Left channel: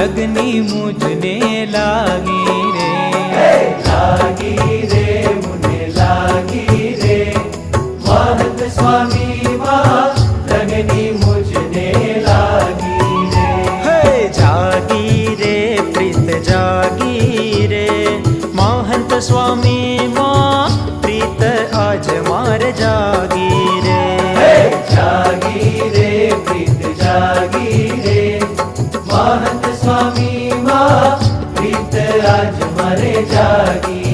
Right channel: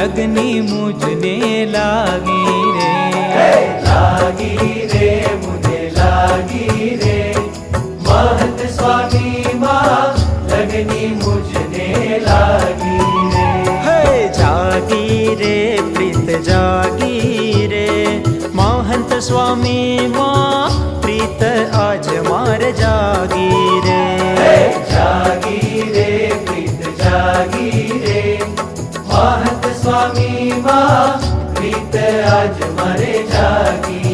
लगनी मुझने लागी रे, लागी रे मुझे लागी रे, महंत स्वामी माँ लगनी मुझने लागी रे। है जागी रे प्रीत जागी रे, महंत स्वामी माँ प्रीत आज मार जागी रे। जागी रे प्रीत जागी रे, महंत स्वामी माँ प्रीत आज मारे जागी